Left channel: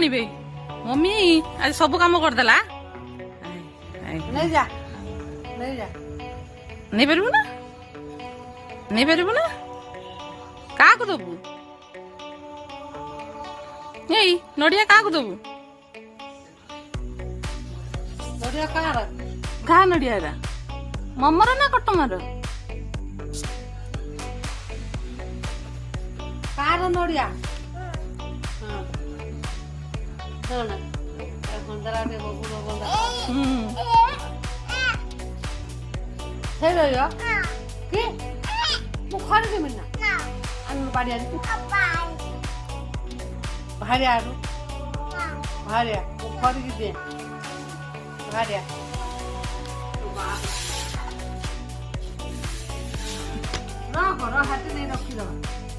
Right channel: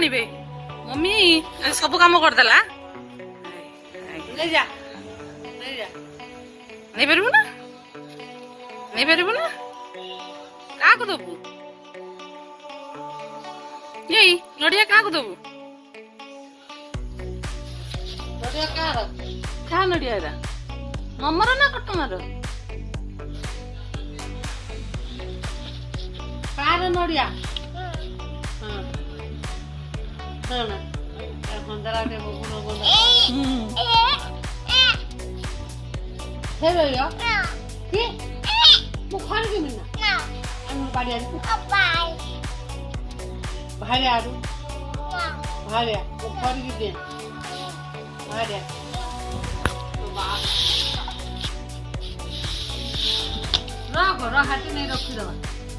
आनिबे mummy आज सब काम करदेला नहीं जा नहीं पारू ना नहीं पारू ना क्या दबू यही नड़िया क्या दबू नड़िया कार क्या नड़िया ममर ना कटमर कार नड़िया हाँ ना बंदरा के बगुना बंदा हे भैया की मुखार के मिलना अन्नू बाड़ी आनी भाले आरू भाले मुखार की दे भाले रखो हाथी नहीं रखी दो